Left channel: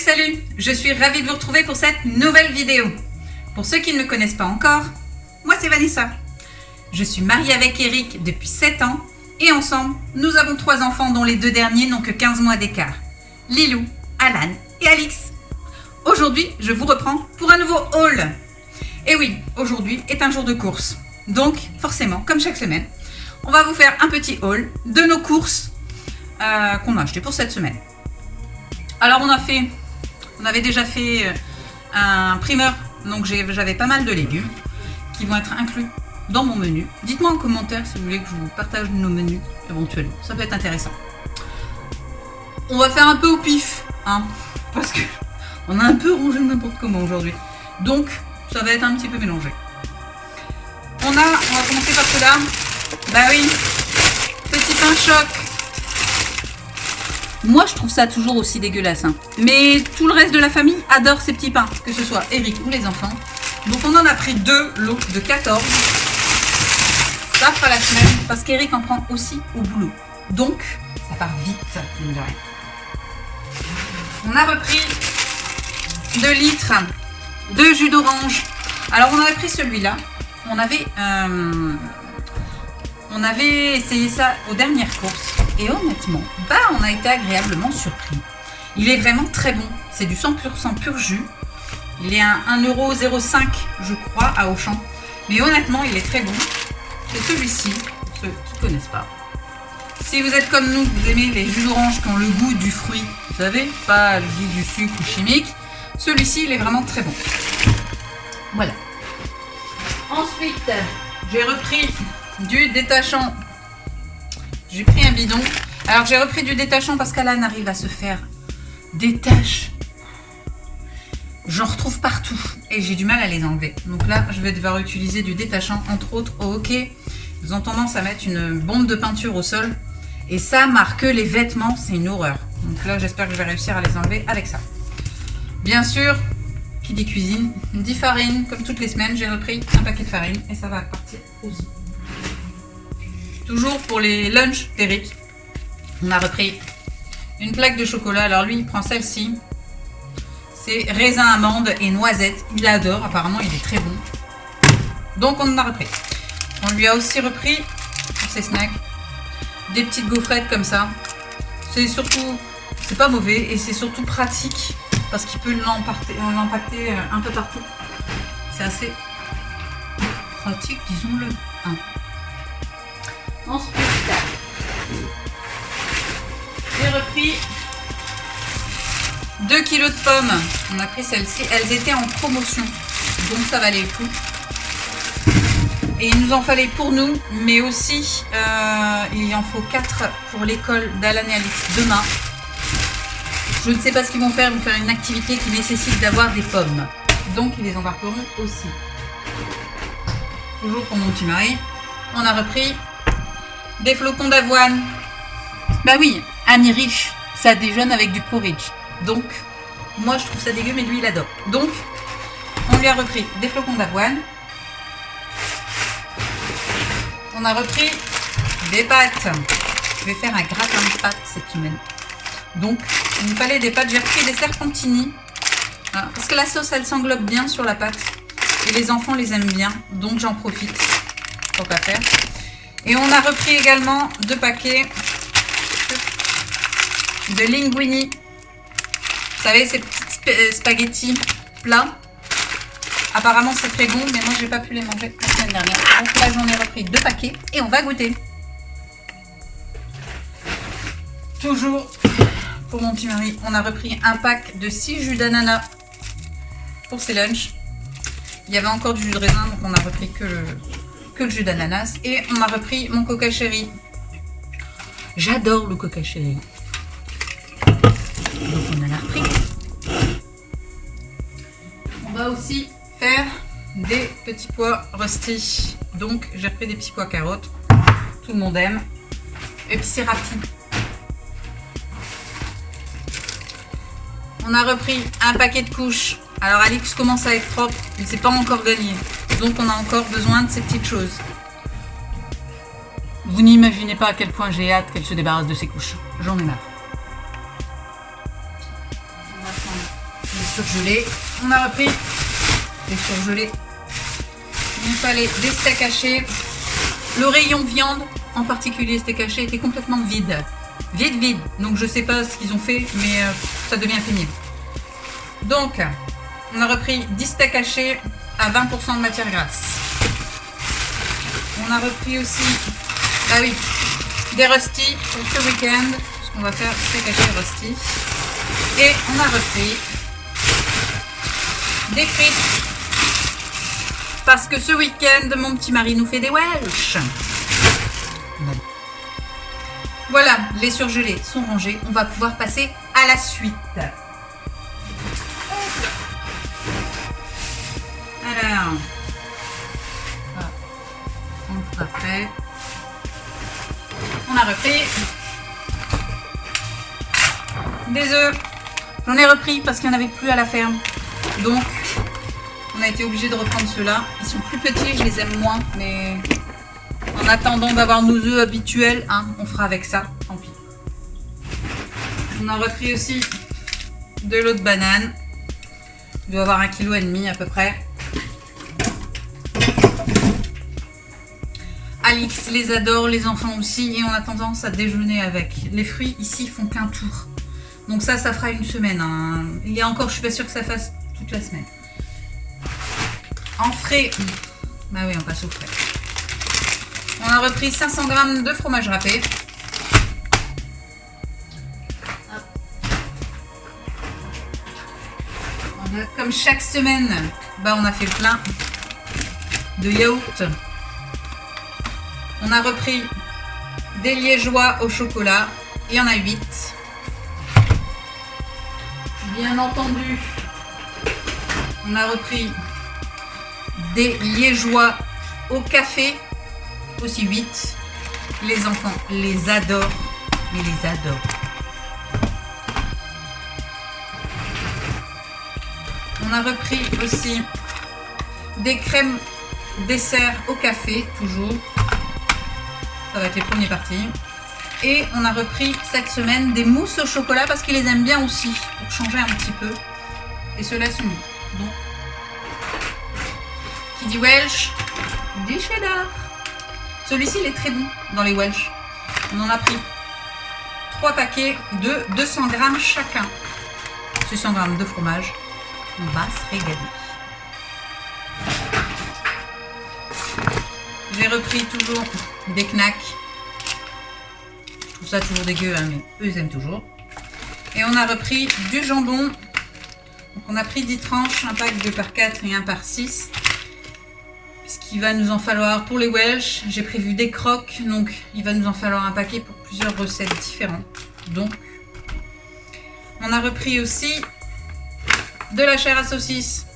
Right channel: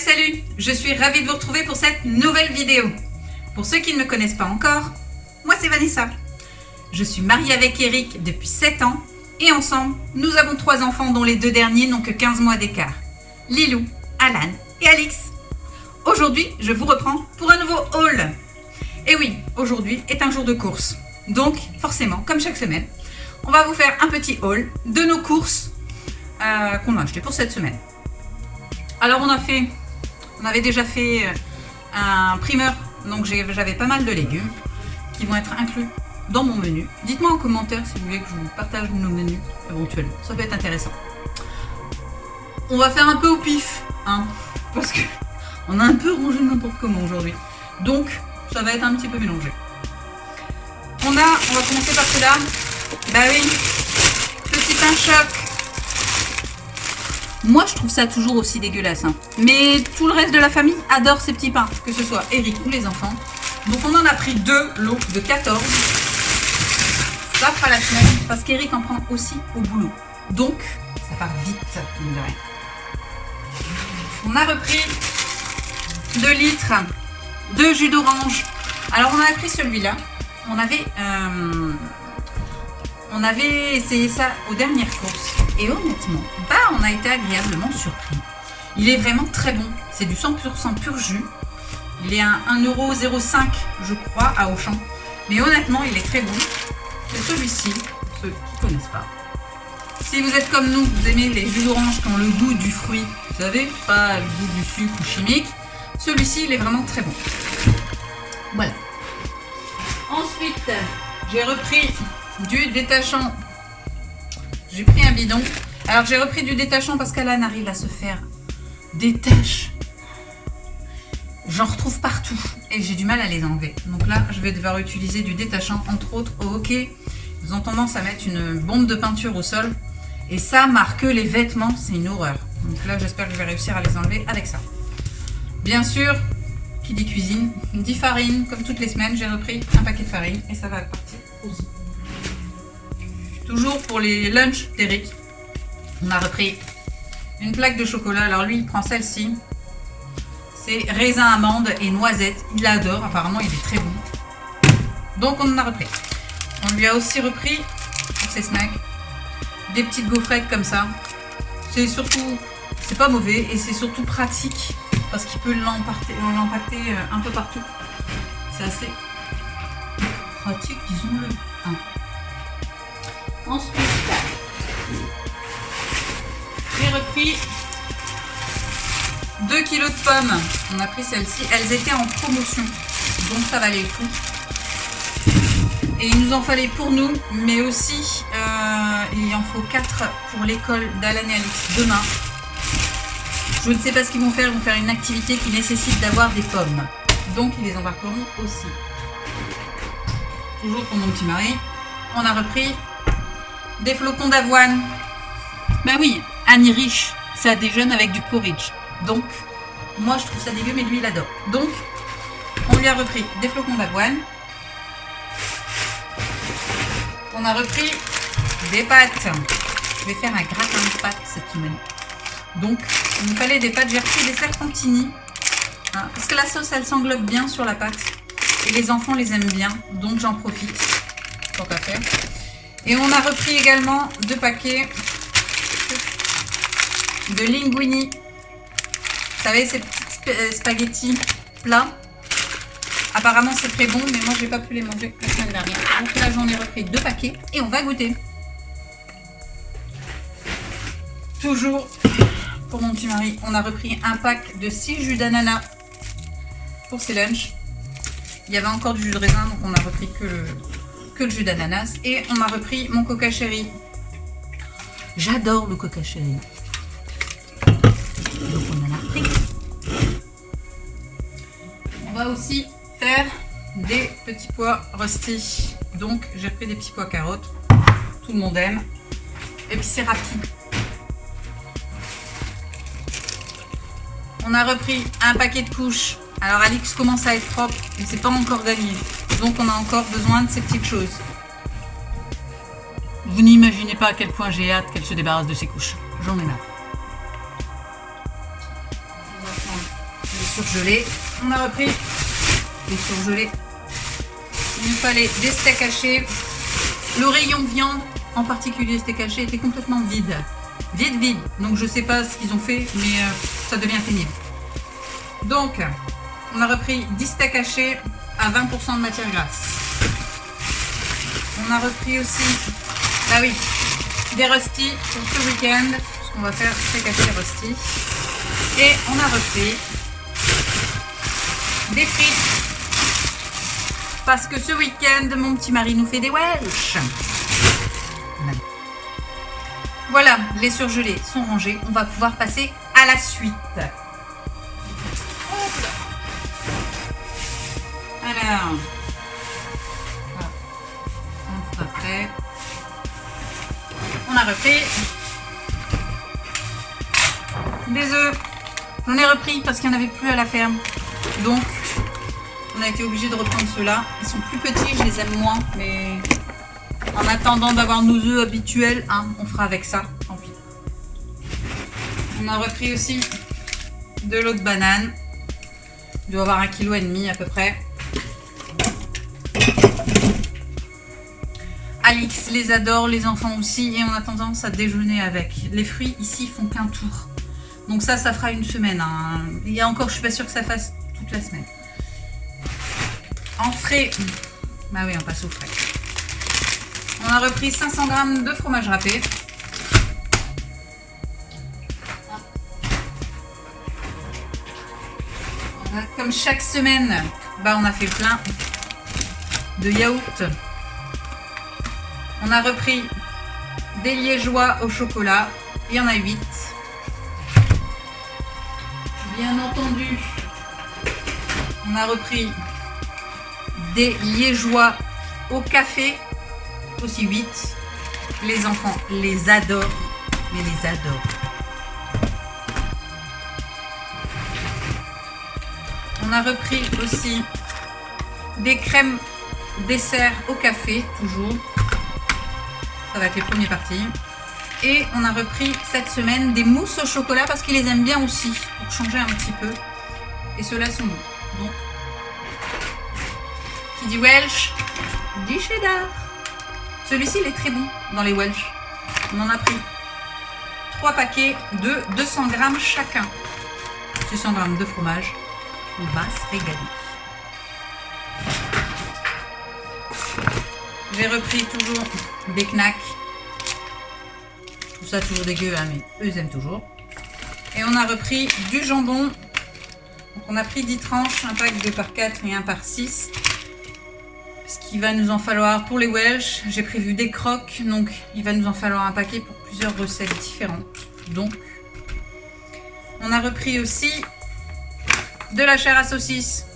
Salut, je suis ravie de vous retrouver pour cette nouvelle vidéo. Pour ceux qui ne me connaissent pas encore, moi c'est Vanessa. Je suis mariée avec Eric depuis 7 ans et ensemble, nous avons 3 enfants dont les 2 derniers n'ont que 15 mois d'écart. Lilou, Alan et Alix. Aujourd'hui, je vous reprends pour un nouveau haul. Et oui, aujourd'hui est un jour de course. Donc, forcément, comme chaque semaine, on va vous faire un petit haul de nos courses qu'on a achetées pour cette semaine. Alors, on avait déjà fait un primeur, donc j'avais pas mal de légumes qui vont être inclus dans mon menu. Dites-moi en commentaire si vous voulez que je vous partage nos menus éventuellement, ça peut être intéressant. On va faire un peu au pif, hein, parce que on a un peu rangé n'importe comment aujourd'hui. Donc, ça va être un petit peu mélangé. On va commencer par cela. Bah oui, petit pain choc. Moi, je trouve ça toujours aussi dégueulasse. Hein. Mais tout le reste de la famille adore ces petits pains, que ce soit Eric ou les enfants. Donc, on en a pris 2 lots de 14. Ça fera la semaine, parce qu'Eric en prend aussi au boulot. Donc, ça part vite, mine de rien. On a repris 2 litres de jus d'orange. Alors, on avait pris celui-là. On avait essayé ça aux dernières courses. Et honnêtement, on a été agréablement surpris. Il est vraiment très bon. C'est du 100% pur jus. Il est à 1,05 €, je crois, à Auchan. Mais honnêtement, il est très bon. Et celui-ci, pour ceux qui ne connaissent pas. Si vous êtes comme nous, vous aimez les jus d'orange qui ont le goût du fruit, vous savez, pas le goût du sucre ou chimique, celui-ci, il est vraiment très bon. Voilà. Ensuite, j'ai repris du détachant. J'ai pris un bidon. Alors, j'ai repris du détachant parce qu'Alan arrive à se faire des taches. J'en retrouve partout et j'ai du mal à les enlever. Donc là, je vais devoir utiliser du détachant, entre autres au hockey. Ils ont tendance à mettre une bombe de peinture au sol. Et ça marque les vêtements, c'est une horreur. Donc là, j'espère que je vais réussir à les enlever avec ça. Bien sûr, qui dit cuisine, dit farine. Comme toutes les semaines, j'ai repris un paquet de farine et ça va partir aussi. Toujours pour les lunchs d'Eric, on a repris une plaque de chocolat. Alors lui, il prend celle-ci. C'est raisin, amande et noisette. Il adore, apparemment, il est très bon. Donc, on en a repris. On lui a aussi repris, pour ses snacks, des petites gaufrettes comme ça. C'est surtout, c'est pas mauvais et c'est surtout pratique parce qu'il peut l'empaqueter un peu partout. C'est assez pratique, disons-le. Hein. Ensuite, j'ai repris 2 kg de pommes. On a pris celles-ci. Elles étaient en promotion, donc ça valait le coup. Et il nous en fallait pour nous, mais aussi il en faut 4 pour l'école d'Alan et Alix demain. Je ne sais pas ce qu'ils vont faire. Ils vont faire une activité qui nécessite d'avoir des pommes. Donc ils les embarqueront aussi. Toujours pour mon petit mari. On a repris des flocons d'avoine. Bah oui, Annie riche, ça déjeune avec du porridge. Donc, moi je trouve ça dégueu, mais lui il adore. Donc, on lui a repris des flocons d'avoine. On a repris des pâtes. Je vais faire un gratin de pâtes cette semaine. Donc, il me fallait des pâtes. J'ai repris des serpentini. Voilà, parce que la sauce, elle s'englobe bien sur la pâte. Et les enfants les aiment bien. Donc, j'en profite. Tant qu'à faire. Et on a repris également 2 paquets de linguini. Vous savez, ces petits spaghettis plats. Apparemment, c'est très bon, mais moi, j'ai pas pu les manger la semaine dernière. Donc là, j'en ai repris 2 paquets et on va goûter. Toujours pour mon petit mari, on a repris un pack de 6 jus d'ananas pour ses lunchs. Il y avait encore du jus de raisin, donc on a repris que le jus d'ananas. Et on a repris mon coca cherry. J'adore le coca cherry. Donc on en a repris. On va aussi faire des petits pois rustis. Donc j'ai repris des petits pois carottes. Tout le monde aime. Et puis c'est rapide. On a repris un paquet de couches. Alors Alix commence à être propre, mais c'est pas encore gagné. Donc on a encore besoin de ces petites choses. Vous n'imaginez pas à quel point j'ai hâte qu'elle se débarrasse de ses couches. J'en ai marre. On va prendre surgelés. On a repris les surgelés. Il nous fallait des steaks hachés. Le rayon viande, en particulier steak haché, était complètement vide. Vide. Donc je sais pas ce qu'ils ont fait, mais ça devient pénible. Donc, on a repris 10 steaks hachés à 20% de matière grasse. On a repris aussi, ah oui, des rusty pour ce week-end. Parce qu'on va faire steak haché rusty. Et on a repris des frites. Parce que ce week-end, mon petit mari nous fait des Welsh. Voilà, les surgelés sont rangés. On va pouvoir passer à la suite. Alors, on fera après. On a repris des œufs. J'en ai repris parce qu'il n'y en avait plus à la ferme. Donc, on a été obligé de reprendre ceux-là. Ils sont plus petits, je les aime moins, mais en attendant d'avoir nos œufs habituels, hein, on fera avec ça, tant pis. On a repris aussi de l'eau de banane. Il doit avoir 1,5 kg à peu près. Alix les adore, les enfants aussi, et on a tendance à déjeuner avec. Les fruits ici font qu'un tour. Donc ça fera une semaine. Hein. Il y a encore, je suis pas sûre que ça fasse toute la semaine. En frais, bah oui, on passe au frais. On a repris 500 g de fromage râpé. Comme chaque semaine, bah on a fait plein de yaourt. On a repris des liégeois au chocolat. Il y en a 8. Bien entendu, on a repris des liégeois au café, aussi 8. Les enfants les adorent, mais les adorent. On a repris aussi des crèmes dessert au café, toujours. Ça va être les premiers parties. Et on a repris cette semaine des mousses au chocolat parce qu'ils les aiment bien aussi, pour changer un petit peu. Et ceux-là sont bons. Bon. Qui dit Welsh, dit cheddar. Celui-ci, il est très bon dans les Welsh. On en a pris 3 paquets de 200 g chacun. 600 g de fromage. On va se régaler. J'ai repris toujours des knacks. Je trouve ça toujours dégueu, hein, mais eux, ils aiment toujours. Et on a repris du jambon. Donc on a pris 10 tranches, un pack 2 par 4 et 1 par 6. Ce qu'il va nous en falloir pour les Welsh. J'ai prévu des croques, donc il va nous en falloir un paquet pour plusieurs recettes différentes. Donc, on a repris aussi de la chair à saucisse.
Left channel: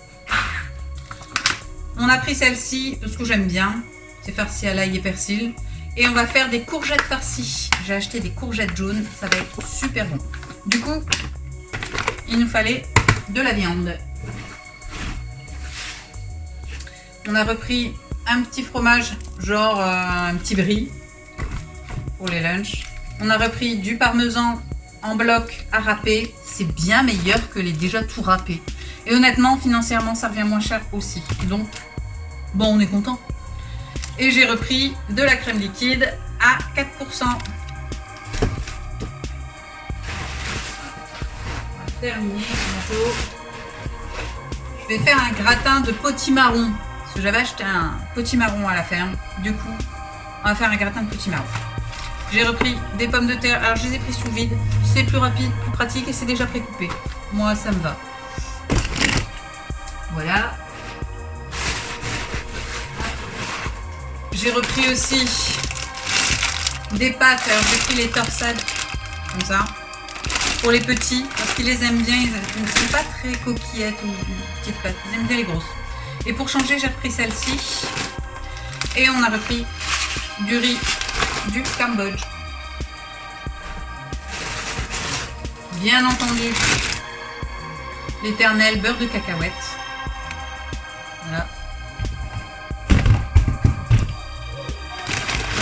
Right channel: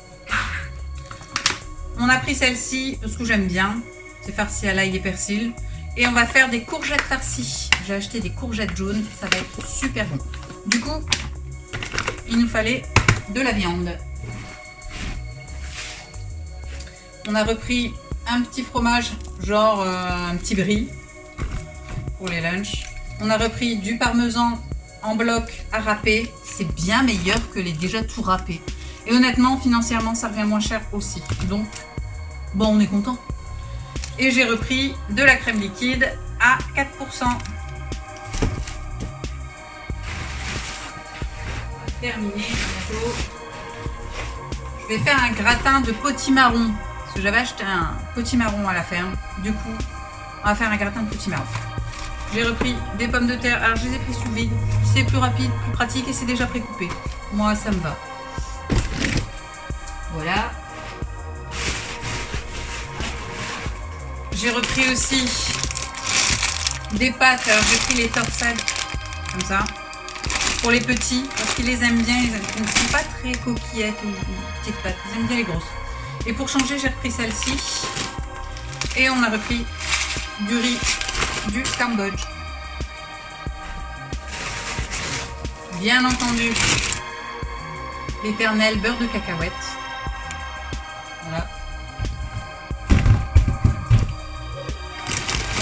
On a pris celle-ci parce que j'aime bien. C'est farci à l'ail et persil. Et on va faire des courgettes farcies. J'ai acheté des courgettes jaunes. Ça va être super bon. Du coup, il nous fallait de la viande. On a repris un petit fromage, genre un petit brie pour les lunchs. On a repris du parmesan en bloc à râper. C'est bien meilleur que les déjà tout râpés. Et honnêtement, financièrement, ça revient moins cher aussi. Donc, bon, on est content. Et j'ai repris de la crème liquide à 4%. Terminé bientôt. Je vais faire un gratin de potimarron. Parce que j'avais acheté un potimarron à la ferme. Du coup, on va faire un gratin de potimarron. J'ai repris des pommes de terre. Alors, je les ai pris sous vide. C'est plus rapide, plus pratique et c'est déjà précoupé. Moi, ça me va. Voilà. J'ai repris aussi des pâtes. Alors, j'ai pris les torsades, comme ça, pour les petits, parce qu'ils les aiment bien. Ils ne sont pas très coquillettes ou petites pâtes. Ils aiment bien les grosses. Et pour changer, j'ai repris celle-ci. Et on a repris du riz du Cambodge. Bien entendu, l'éternel beurre de cacahuète. Voilà.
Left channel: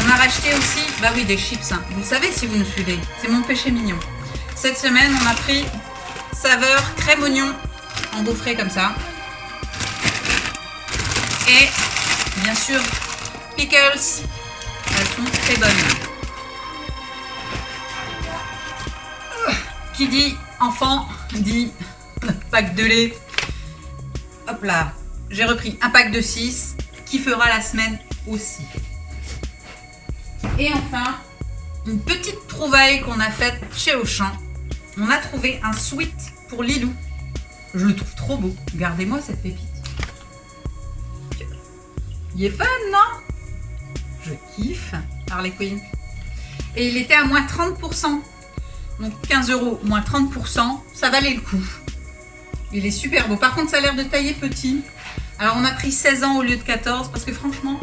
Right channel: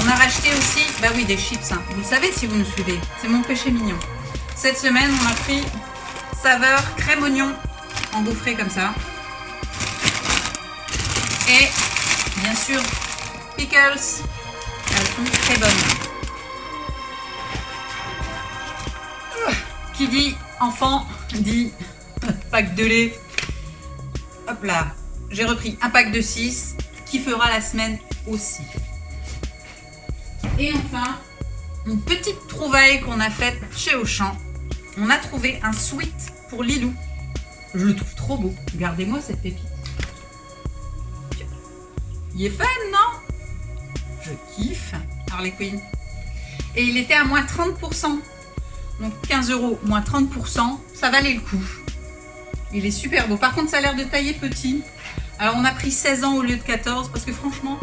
On a racheté aussi, bah oui, des chips. Hein. Vous le savez si vous me suivez, c'est mon péché mignon. Cette semaine, on a pris saveur crème oignon en gaufré comme ça. Et bien sûr, pickles, elles sont très bonnes. Qui dit enfant dit pack de lait. Hop là, j'ai repris un pack de 6 qui fera la semaine aussi. Et enfin, une petite trouvaille qu'on a faite chez Auchan. On a trouvé un sweat pour Lilou. Je le trouve trop beau. Regardez-moi cette pépite. Il est fun, non? Je kiffe Harley Quinn. Et il était à moins 30%. Donc 15 €, moins 30%, ça valait le coup. Il est super beau. Par contre, ça a l'air de tailler petit. Alors, on a pris 16 ans au lieu de 14 parce que franchement,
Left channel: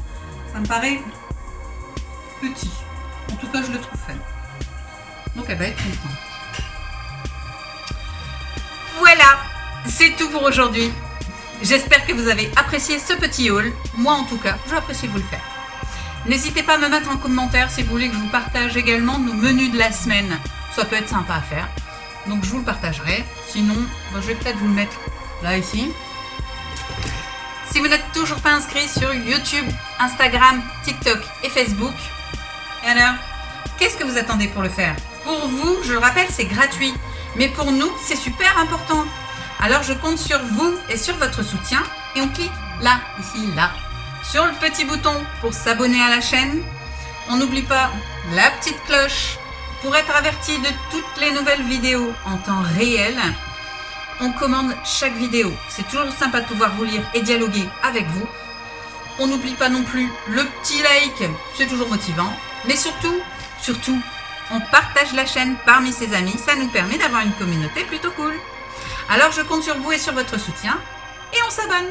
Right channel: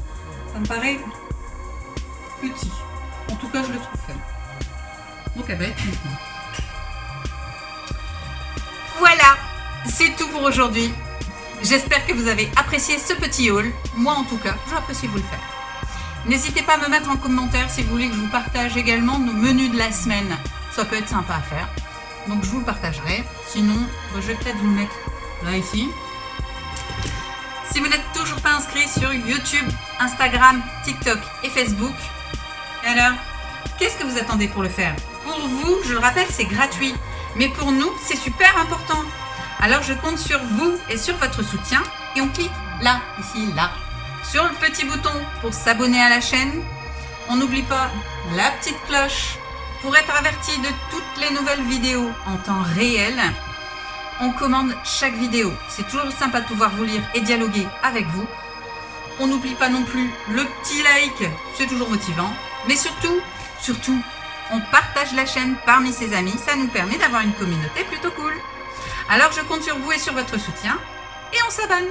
ça me paraît petit. En tout cas, je le trouve fun. Donc, elle va être contente. Voilà, c'est tout pour aujourd'hui. J'espère que vous avez apprécié ce petit haul. Moi, en tout cas, j'ai apprécié vous le faire. N'hésitez pas à me mettre en commentaire si vous voulez que je vous partage également nos menus de la semaine. Ça peut être sympa à faire. Donc, je vous le partagerai. Sinon, je vais peut-être vous le mettre là, ici. Si vous n'êtes toujours pas inscrit sur YouTube, Instagram, TikTok et Facebook, alors, qu'est-ce que vous attendez pour le faire? Pour vous, je le rappelle, c'est gratuit. Mais pour nous, c'est super important. Alors, je compte sur vous et sur votre soutien. Et on clique là, ici, là, sur le petit bouton pour s'abonner à la chaîne. On n'oublie pas la petite cloche pour être averti de toutes les nouvelles vidéos en temps réel. On commande chaque vidéo. C'est toujours sympa de pouvoir vous lire et dialoguer avec vous. On n'oublie pas non plus le petit like, c'est toujours motivant. Mais surtout, on partage la chaîne parmi ses amis. Ça nous permet d'avoir une communauté plutôt cool. Alors je compte sur vous et sur votre soutien. Et on s'abonne.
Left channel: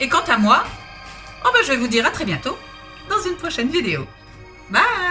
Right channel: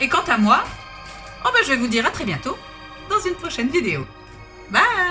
Et quant à moi, je vais vous dire à très bientôt dans une prochaine vidéo. Bye!